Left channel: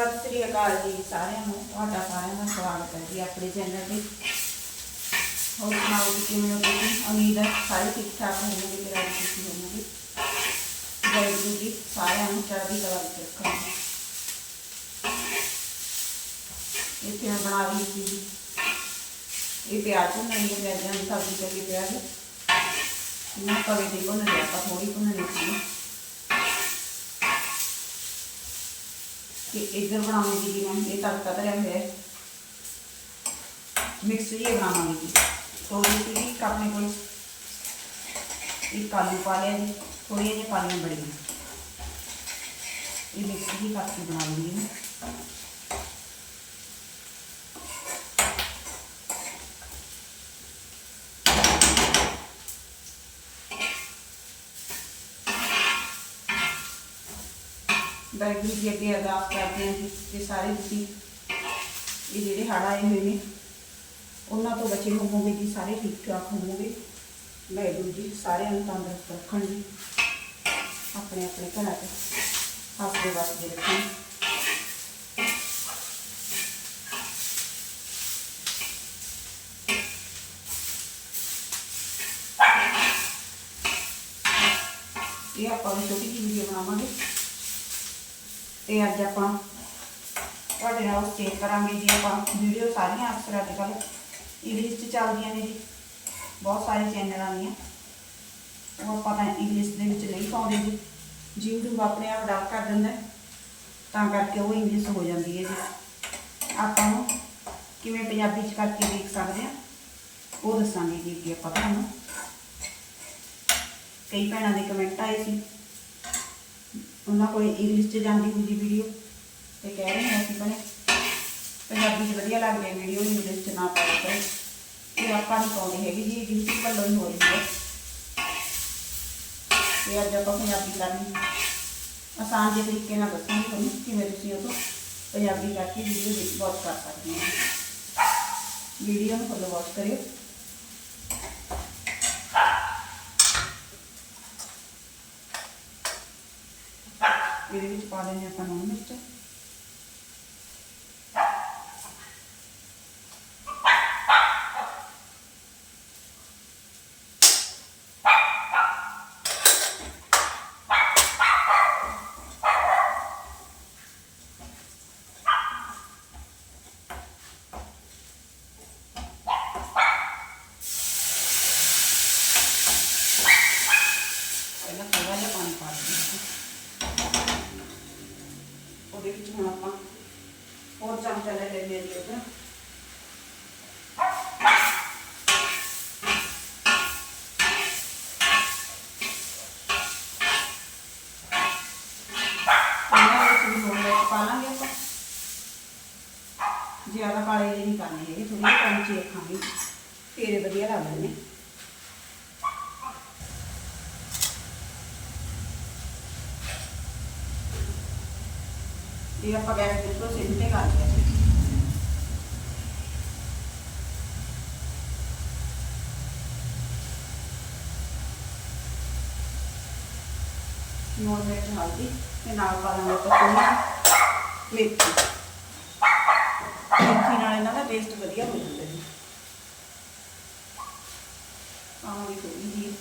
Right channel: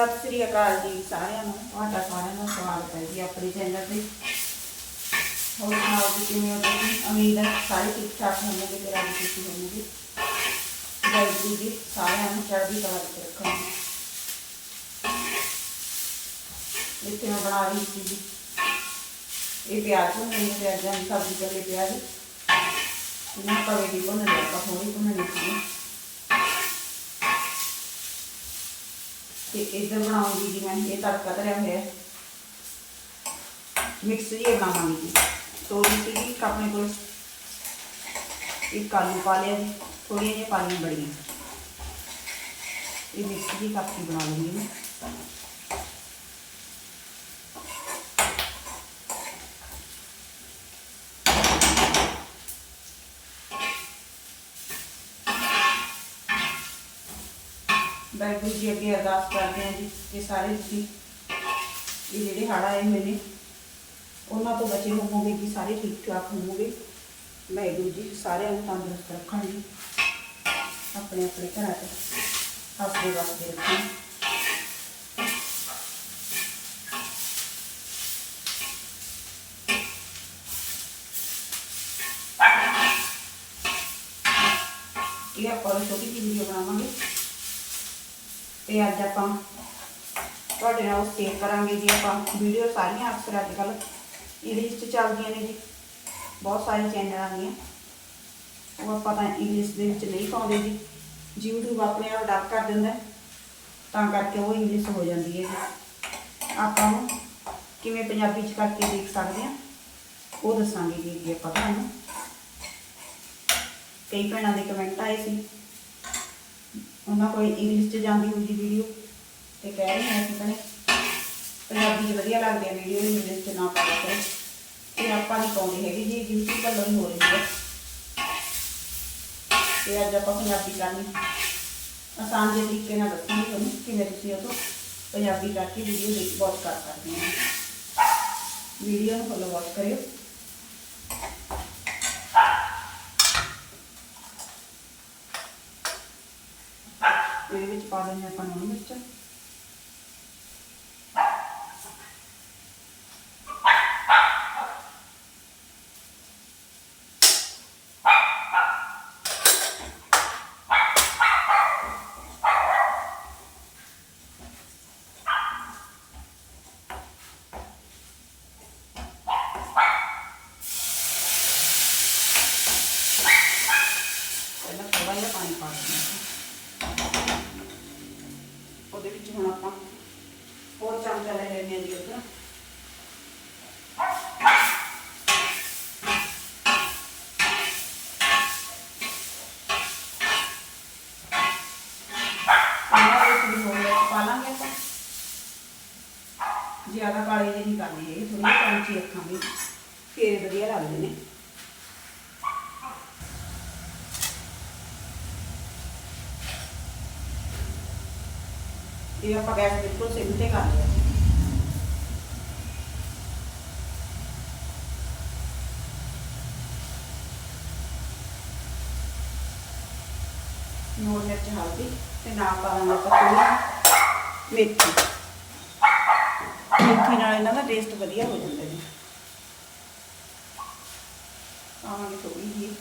ਸਤਿ ਸ੍ਰੀ ਅਕਾਲ ਜੀ ਸਾਰਿਆਂ ਨੂੰ, ਤੁਹਾਡਾ ਸਾਰਿਆਂ ਦਾ ਸਵਾਗਤ ਹੈ ਜੀ ਆਪਣੇ ਚੈਨਲ ਤੇ। ਹੋਰ ਸੁਣਾਓ ਜੀ, ਕਿਵੇਂ ਹੋ ਤੁਸੀਂ? ਉਮੀਦ ਹੈ ਸਾਰੇ ਠੀਕ ਠਾਕ ਹੋਣਗੇ ਤੇ ਰਾਜੀ ਖੁਸ਼ੀ ਹੋਣਗੇ ਵਾਹਿਗੁਰੂ ਜੀ, ਸਾਰਿਆਂ ਨੂੰ ਚੜ੍ਹਦੀ ਕਲਾ ਵਿੱਚ ਰੱਖਣ ਇੱਥੇ ਮੈਂ ਬਣਾ ਰਹੀ ਸੀ ਜੀ? ਇਹ ਪਿਆਜ਼ ਨੂੰ ਮੈਂ ਪਿਆਜ਼ਾਂ ਦੀ ਸਬਜ਼ੀ ਚੱਲੇ ਪਿਆ ਜੀ ਨਾ ਤਵੇ ਦੀ ਬਣਾ ਲਿਆ ਆਪਾਂ ਥੋੜੀ ਬਣਾਉਣੀ ਸੀ। ਤੇ ਇੱਧਰ ਬਣਾਉਂਗੀ ਜੀ ਮੈਂ ਇਹ ਤੜਕਾ ਧਰਿਆ ਹੋਇਆ ਮਿਕਸ ਇਹ ਬਣਾਵਾਂਗੀ ਜੀ ਤੋੜੀ ਸੀਗੀ, ਇੱਕ ਆਪਣੇ ਕੋਲ। ਇੱਕ ਆਲੂ ਪਾ ਲਿਆ ਜੀ। ਥੋੜ੍ਹੀਆਂ ਜਿਹੀਆਂ ਪਾਲੀਆਂ ਬੜੀਆਂ ਇਹ ਮਿਕਸ ਦੀ ਕਾਫੀ ਬਣਾ ਲੂੰਗੀ ਵਾਹਿਗੁਰੂ ਜੀ ਅੱਗੇ ਅਰਦਾਸ ਕਰਦੇ ਹਾਂ ਜੀ ਕਿ ਸਾਰੇ ਤੁਸੀਂ ਇਹ ਜਿਹੜੇ ਹੜ੍ਹ ਆਏ ਹੋਏ ਨੇ, ਉਹਨਾਂ ਤੋਂ ਬਚੇ ਹੋਵੋਗੇ ਜੀ, ਸਾਰੇ ਠੀਕ ਠਾਕ ਹੋਵੋਗੇ। ਵਾਹਿਗੁਰੂ ਜੀ ਸਾਰਿਆਂ ਨੂੰ ਤੰਦਰੁਸਤ ਰੱਖਣ ਜੀ ਆਪਣੇ ਆਪਣੇ ਘਰਾਂ 'ਚ ਹੱਸਦੇ ਵਸਦੇ ਰੱਖਣ ਇਹ ਆਪਾਂ ਇੱਕ ਛੋਟੀ ਜਿਹੀ ਵੀਡੀਓ ਬਣਾਵਾਂਗੇ ਤੇ ਅੱਜ ਆਪਾਂ ਤੁਹਾਡੇ ਨਾਲ ਸ਼ੇਅਰ ਕਰਾਂਗੇ ਜੀ, ਆਪਾਂ ਵੀਡੀਓ ਸਾਰੀਆਂ ਅਕਸਰ ਅੱਜ ਕੱਲ੍ਹ ਇੰਗਲਿਸ਼ 'ਚ ਚੱਲਦੀਆਂ ਨੇ ਜੀ। ਬਹੁਤ ਸਾਰੇ ਚੈਨਲ ਆਉਂਦੀਆਂ। ਉਹ ਆਪਾਂ ਤਾਂ ਇੰਗਲਿਸ਼ ਦੇ ਵਿੱਚ ਨਹੀਂ ਪਾਉਂਦੇ ਜੀ। YouTube ਆਪਣੇ ਆਪ ਡਰ ਕਰ ਦਿੰਦਾ ਤਾਂ ਕਰਕੇ ਉਹ ਇੰਗਲਿਸ਼ ਹੋ ਜਾਂਦੀ ਹੈ ਜੀ। ਆਪਾਂ ਨੂੰ ਕਿਵੇਂ ਪੰਜਾਬੀ 'ਚ ਕਰਕੇ ਦੇਖ ਸਕਦੇ ਹਾਂ। ਉਹ ਦੱਸਾਂਗੇ ਜੀ ਅੱਗੇ ਆਪਾਂ ਤੁਹਾਨੂੰ। ਕਈ ਭੈਣਾਂ ਦੇ ਕਮੈਂਟ ਆਏ ਸੀ। ਉਹਨਾਂ ਕੋਈ ਇੰਗਲਿਸ਼ 'ਚ ਜਾਂਦੀ ਹੁੰਦੀ ਵੀਡੀਓ ਤੇ ਕਹਿ ਰਹੇ ਹਾਂ ਅਸੀਂ ਭੈਣੇ ਪੰਜਾਬੀ 'ਚ ਵਧੀਆ ਲੱਗਦੀ ਹੈ ਵੀਡੀਓ ਨੂੰ ਇੰਗਲਿਸ਼ 'ਚ ਨਾ ਪਾਓ ਕਰੋ ਇਹ ਆਪਾਂ ਨੂੰ ਪਾਉਂਦੇ ਹੈਗੇ, ਜੀ ਬਿਲਕੁਲ ਭੱਲੋ ਹੀ ਹੋ ਰਹੀ ਹੈ। ਤੇ ਅੱਜ ਆਪਾਂ ਪੰਜਾਬੀ ਕਰਨੀ। ਆਸਾਨ ਜਿਹੇ ਤਰੀਕੇ ਨਾਲ ਦੱਸਾਂਗੇ ਤੁਹਾਨੂੰ ਕਿਵੇਂ ਤੁਸੀਂ ਉਹ ਤੋਂ ਪੰਜਾਬੀ ਕਰਕੇ ਵੀਡੀਓ ਦੇਖ ਵਾਚ ਕਰ ਸਕਦੇ ਹੋ। ਵੀਡੀਓ ਨੂੰ ਫੋਲੋ ਵਾਚ ਕਰਿਓ। ਇਹਦੇ ਵਿੱਚ ਪਾ ਦੇਣੇ ਆਪਾਂ ਨੂਣ ਮਿਰਚ ਪਹਿਲਾਂ ਥੋੜਾ ਜਿਹਾ ਪਾਣੀ ਪਾ ਦਿੰਦੇ ਹਾਂ ਉਹਦੇ ਵਿੱਚ ਹੁਣ ਆਪਾਂ ਹੋਰ ਚਮਚਾ ਲੈ ਲੈਂਦੇ ਹਾਂ ਜੀ ਉੱਧਰ ਇਹਨਾਂ ਵਿੱਚ ਵੀ ਹੋਰ ਵਿੱਚ ਪਾ ਲਾਂਗੇ ਆਪਾਂ ਜ਼ਿਆਦਾ ਕਾਲੇ ਨਹੀਂ ਕਰਨੇ ਹੈਗੇ ਥੋੜੀ ਜਿਹੀ ਰੱਖਾਂਗੇ। ਫੇਰ ਵਧੀਆ ਲੱਗਦੇ ਨੇ ਇਹ ਆਪਾਂ ਗੈਸ ਬਿਲਕੁਲ ਸਿਮ ਤੇ ਕਰ ਲਿਆ ਜੀ। ਮਿਰਚ ਹਲਦੀ ਤੇ ਨਾਲ ਪਾ ਦਾਂਗੇ ਆਪਾਂ ਮੇਥੀ ਮੇਥੀ ਨਾਲ ਇਹਨਾਂ ਦਾ ਟੇਸਟ ਵਧੀਆ ਹੋ ਜਾਂਦਾ ਜੀ। ਆਹ ਥੋੜੀ ਜਿਹੀ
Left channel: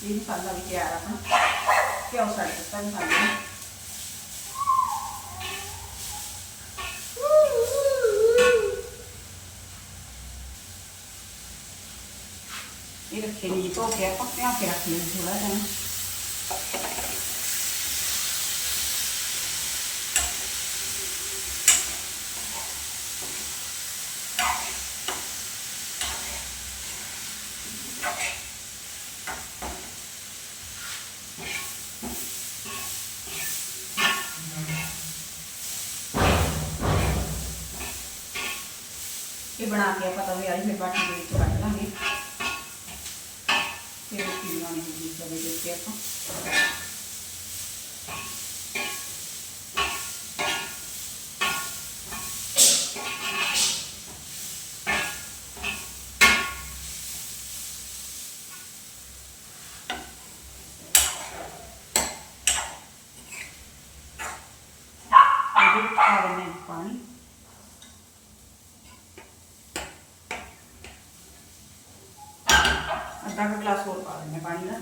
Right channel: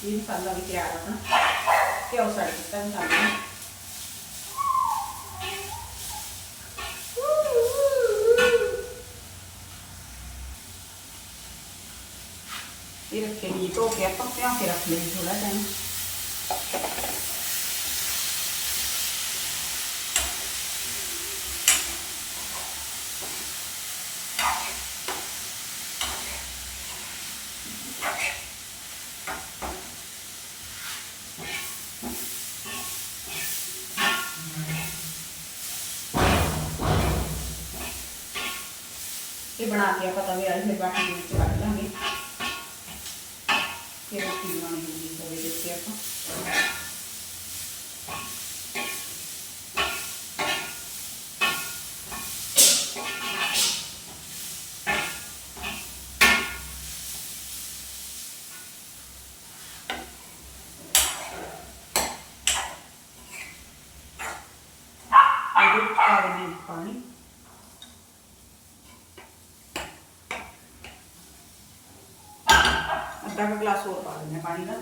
ਇਹ ਮਸਾਲਾ ਵੀ ਤਿਆਰ ਆ ਆਪਣਾ ਘਿਓ ਸੜ ਦਿੱਤਾ ਮਸਾਲੇ ਨੂੰ ਇਹ ਰੱਖੇ ਨਹੀਂ ਧੋ ਕੇ ਆਪਾਂ ਪਿਆ ਕੇ ਰੱਖ ਲਈ ਥੋੜਾ ਟਾਈਮ ਇਹ ਬਣਾ ਕੇ ਆਪਾਂ ਤਵੇ ਵਾਲੀ ਫਿਰ ਬਾਟੀ ਵਿੱਚ ਕੱਢ ਅੱਧਾ ਗਲਾਸ ਹੋਰ ਪਾ ਦਿੰਦੇ ਪਾਣੀ ਦਾ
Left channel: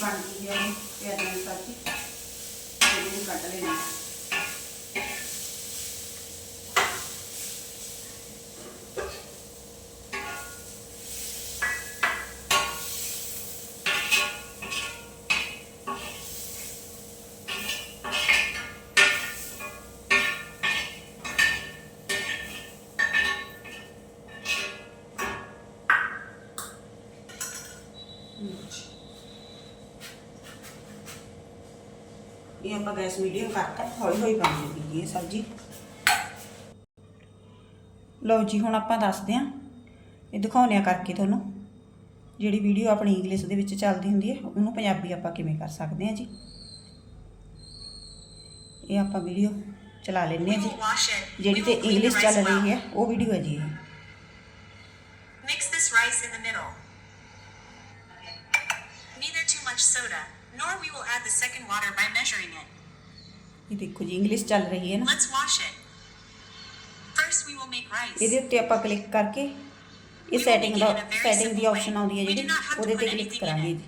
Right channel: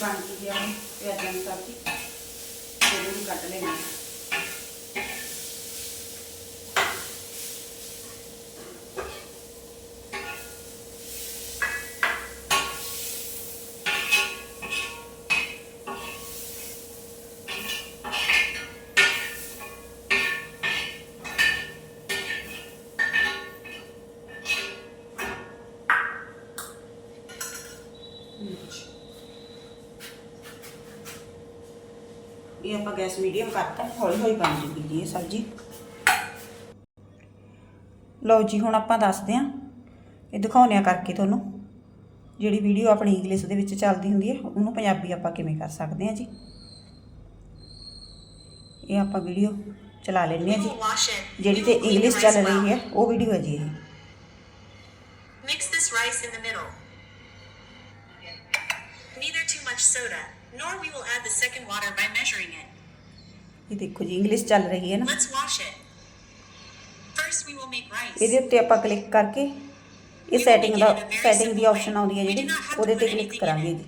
ਇਹ ਵੀ ਬਣ ਗਈ ਹੈ ਹੁਣ ਪਿਆਜ਼ਾਂ ਦੀ ਸਬਜ਼ੀ ਇਹਨੂੰ ਵੀ ਕੱਟ ਲੈਣਾ ਇਹ ਆਪਾਂ ਗੈਸ ਮੀਡੀਅਮ ਕਰਤਾ ਹੌਲੀ ਹੌਲੀ ਬਣ ਜੂਗੀ ਜੀ ਇਹ ਸਬਜ਼ੀ। ਲਓ ਜੀ ਹੁਣ ਆਪਾਂ ਦੱਸਦੇ ਹਾਂ। ਇਹ ਦਿਖਾਉਂਦੇ ਆ ਕਰਕੇ ਤੁਹਾਨੂੰ। ਜਿਹੜੀ ਵੀਡੀਓ ਆਪਣੀ ਇੰਗਲਿਸ਼ ਦੇ ਵਿੱਚ ਚੱਲਦੀ ਹੁੰਦੀ ਹੈ ਉਹਨੂੰ ਪੰਜਾਬੀ ਆਪਾਂ ਕਿਵੇਂ ਕਰ ਸਕਦੇ ਹਾਂ ਜੀ? ਇਹ ਆਪਾਂ ਵੀਡੀਓ ਚਲਾ ਲੈਂਦੇ ਹਾਂ ਜੀ। ਜਿਹੜੀ ਤੇ ਇੰਗਲਿਸ਼ ਚੱਲ ਰਹੀ ਹੈ ਉਹ ਵੀਡੀਓ ਹੈ ਜੀ ਇਹ। Mix this rice in the middle. Neither too much soda, nor we will add the second water by measuring it. ਇਹ ਦੇਖੋ ਜੀ ਇੰਗਲਿਸ਼ ਚੱਲ ਰਹੀ ਹੈ ਨਾ Let's wash it. First, we will make rice. ਇਹਦੇ ਉੱਤੇ ਆਪਾਂ ਕਲਿੱਕ ਕਰਕੇ ਇਹ ਸੈਟਿੰਗ ਦਾ ਸੈਟਿੰਗ ਦੀ ਆਪਸ਼ਨ ਆਉਂਦੀ ਹੈ ਜਿਹੜੀ ਉਹਦੇ ਤੇ ਕਲਿੱਕ ਕਰਾਂਗੇ ਜੀ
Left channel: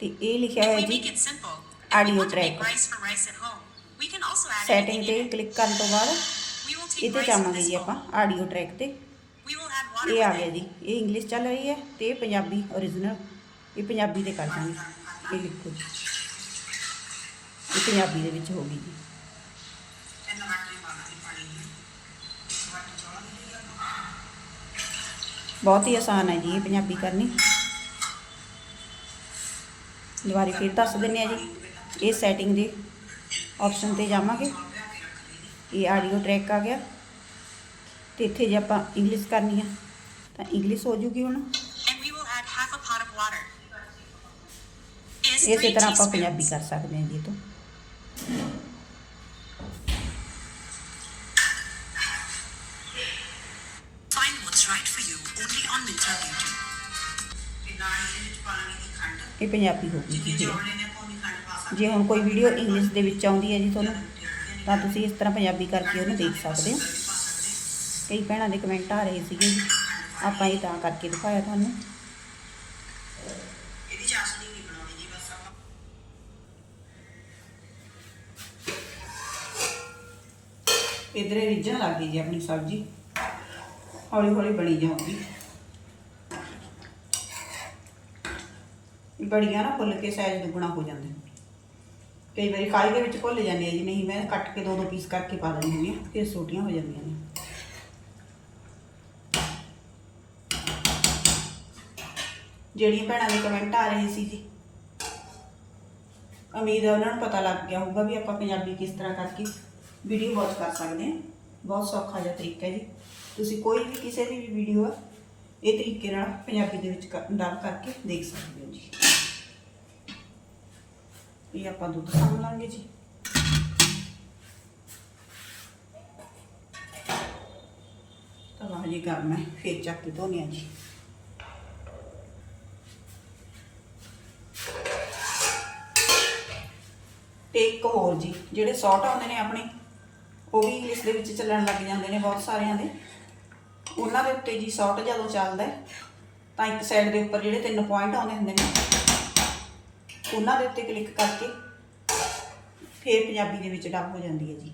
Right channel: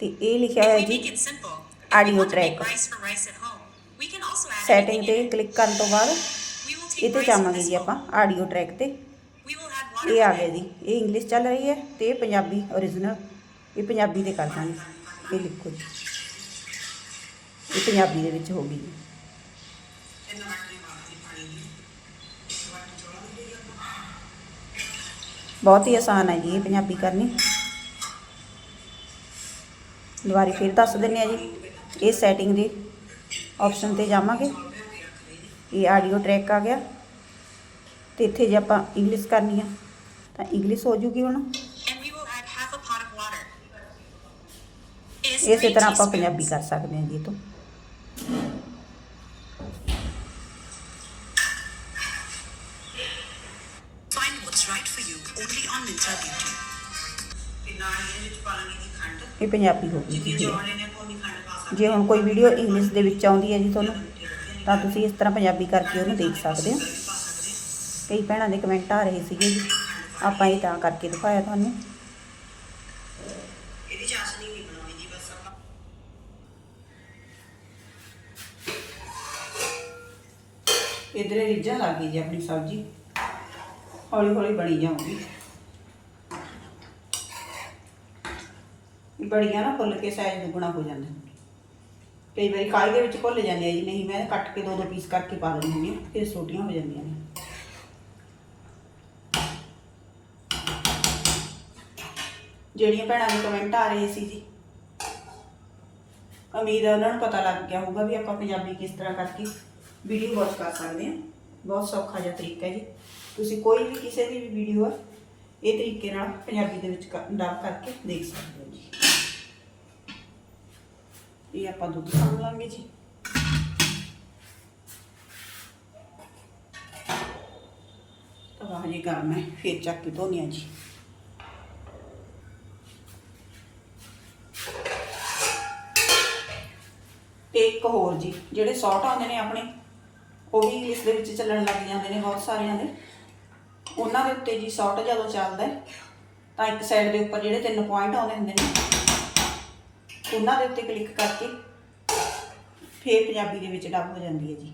ਤੇ ਇਹ ਲਿਖਿਆ ਹੋਇਆ We ਜੀ make it simple. Audio If we want to track. make rice for rice at home, we can also add setting anything ਤੇ it. ਕਲਿੱਕ ਕਰਨ ਤੋਂ ਬਾਅਦ We will take ਇਹ ਤੇ rice in ਜਾਵਾਂਗੇ this ਜੀ ਆਪਾਂ. ਆਡੀਓ ਟਰੈਕ ਤੇ We will add water ਇਹ ਆ with ਗਿਆ. ਜੀ ਇਹ ਇੰਗਲਿਸ਼ ਚੱਲ ਰਹੀ ਹੈ ਤੇ ਇਹ ਪੰਜਾਬੀ origignal ਇਹ ਪੰਜਾਬੀ ਦੇ ਕਰ ਦਾਂਗੇ ਇਹ ਲਿਖੋ ਜੀ। ਇਹ ਪੰਜਾਬੀ ਦੇ ਵਿੱਚ ਹੋ ਗਈ ਜੀ। ਬਹੁਤ ਹੀ ਆਸਾਨ ਹੈ ਜੀ ਇਹ ਪੰਜਾਬੀ ਕਰਨੀ। ਦੁਬਾਰੇ ਫਿਰ ਦੱਸ ਦਿੰਨੇ ਆ ਜੀ। ਇਹ ਸੈਟਿੰਗ ਦੇ ਆਪਸ਼ਨ ਤੇ ਜਾਵਾਂਗੇ। ਇਹ ਆਡੀਓ ਟਰੈਕ ਆ ਗਿਆ। ਤੇ ਇੱਥੇ ਜੇ ਆਪਾਂ ਇੰਗਲਿਸ਼ ਕਰਨੀ ਆ, ਤਾਂ ਇੰਗਲਿਸ਼ ਹੋ ਜੂਗੀ ਹੁਣ। And we will add half a pot of water. ਇਸੇ ਤਰ੍ਹਾਂ ਆਪਾਂ ਪੰਜਾਬੀ. ਕਰ ਸਕਦੇ ਹਾਂ ਜੀ ਇਹ ਤੋਂ. ਇਹ ਪੰਜਾਬੀ ਹੋ ਗਈ ਜੀ। ਜੇ ਹੁਣ ਕੋਈ ਵੀਡੀਓ ਇੰਗਲਿਸ਼ ਦੇ ਵਿੱਚ ਆਉਂਦੀ ਹੈ ਜੀ ਤੁਹਾਨੂੰ ਤਾਂ ਤੁਸੀਂ ਇਸ ਤਰ੍ਹਾਂ ਪੰਜਾਬੀ ਕਰਕੇ ਉਹਨੂੰ ਦੇਖ ਸਕਦੇ ਹੋ ਕਈ ਭੈਣਾਂ ਦੇ ਕਮੈਂਟ ਆ ਰਹੇ ਸੀਗੇ ਜੀ ਆਪਾਂ ਇਹ ਤਾਂ ਕਰਕੇ ਦਿਖਾਇਆ ਤੁਹਾਨੂੰ ਇਧਰੇ ਰਿੱਝਾਂ ਲੱਗ ਗਈ ਜੀ ਆਪਣੀ ਸਬਜ਼ੀ। ਹੌਲੀ ਹੌਲੀ ਬਣੀ ਜਾਊਗੀ। ਇਹ ਬੜੀਆਂ ਨਾ ਫੁੱਲ ਕੇ ਸਾਈਜ਼ ਦੁੱਗਣਾ ਹੋ ਜਾਂਦਾ ਕਈ ਵਾਰੀ ਕਾਲੀ ਦੇ ਵਿੱਚ ਭੁੱਲ ਜਾਂਦੇ ਆ ਜੀ, ਨਹੀਂ ਮੈਂ ਕੱਟ ਕੇ ਦੋ ਦੋ ਪੀਸ ਕਰਕੇ ਪਾ ਦਿੰਦੀ ਹੁੰਦੀ ਹਾਂ ਫਿਰ ਛੋਟੀਆਂ ਹੋ ਜਾਂਦੀਆਂ ਨੇ। ਜਿਹੜੀਆਂ ਭੈਣਾਂ ਦੇ ਕਮੈਂਟ ਆ ਰਹੇ ਸੀ ਜੀ। ਉਮੀਦ ਹੈ ਉਹਨਾਂ ਨੂੰ ਪਤਾ ਲੱਗ ਗਿਆ ਹੋਊਗਾ ਵੀ ਆਪਾਂ ਪੰਜਾਬੀ ਕਿਸ ਤਰ੍ਹਾਂ ਕਰਕੇ ਵੀਡੀਓ ਵਾਚ ਕਰ ਸਕਦੇ ਹਾਂ। ਬਹੁਤ ਸੌਖਾ ਜਿਹਾ ਤਰੀਕਾ ਹੈ ਜੀ। ਤੁਸੀਂ ਕੋਈ ਵੀ ਕਿਸੇ ਦੀ ਵੀ ਵੀਡੀਓ ਆ, ਇਹ ਤਰੀਕੇ ਨਾਲ ਪੰਜਾਬੀ ਦੇ ਵਿੱਚ ਕਰ- ਡਾਲ ਕਰਕੇ ਦੇਖ ਸਕਦੇ ਹੋ ਜੀ। ਇਹ ਆਪਾਂ ਦੁੱਧ ਸਾਂਭ ਲਾਂਗੇ ਜੀ। ਤਵਾ ਹਜੇ ਗਰਮ ਹੈ, ਫਿਰ ਚੱਕ ਕੇ ਧੋਨੇ ਆ ਜੀ। ਤੇ ਇੱਕ ਹੋਰ ਜੀ, ਜਿਹੜੇ ਸੌਟ ਆਉਂਦੇ ਨੇ ਆਪਣੇ ਉਹ ਵੀ ਇੰਗਲਿਸ਼ ਦੇ ਵਿੱਚ ਚੱਲਣ ਲੱਗ ਜਾਂਦੇ ਨੇ ਬਹੁਤ ਸਾਰਿਆਂ ਦੇ। ਉਹਨਾਂ ਦੇ ਉੱਤੇ ਜੀ ਸ਼ਾਰਟ ਜਦੋਂ ਚੱਲਦਾ ਤਾਂ ਇੱਕ ਸਾਈਡ ਦੇ ਉੱਪਰ ਜਿਹੜੇ ਤਿੰਨ ਪੁਆਇੰਟ ਆਉਂਦੇ ਹੁੰਦੇ ਨੇ, ਉਹਨਾਂ ਦੇ ਉੱਤੇ ਕਲਿੱਕ ਕਰਕੇ ਫੇਰ ਪੰਜਾਬੀ ਦੇ ਵਿੱਚ ਡੱਬ ਹੋ ਜਾਂਦੀ ਹੈ ਜੀ।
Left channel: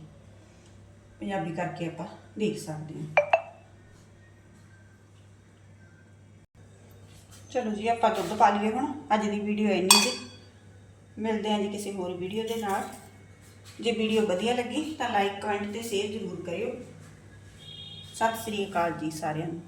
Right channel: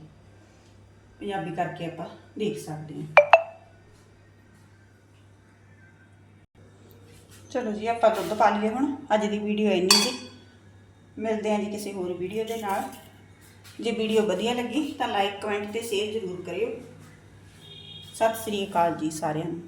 ਪੰਜਾਬੀ ਕਰਕੇ ਆਪਾਂ ਦੇਖ ਸਕਦੇ ਹਾਂ। ਚਲੋ ਜੀ, ਆਪਾਂ ਦੁੱਧ ਪਾ ਲਈਏ ਹੁਣ। ਅੱਜ ਦੀ ਵੀਡੀਓ ਇੰਨੀ ਜੀ ਮਿਲਦੇ ਹਾਂ ਜੀ ਕਿਸੇ ਹੋਰ ਵੀਡੀਓ ਦੇ ਨਾਲ। ਜੇ ਵੀਡੀਓ ਵਧੀਆ ਲੱਗੀ ਤਾਂ ਲਾਈਕ, ਕਮੈਂਟ ਤੇ ਸ਼ੇਅਰ ਜ਼ਰੂਰ ਕਰਿਓ। ਸਤਿ ਸ੍ਰੀ ਅਕਾਲ ਜੀ ਸਾਰਿਆਂ ਨੂੰ।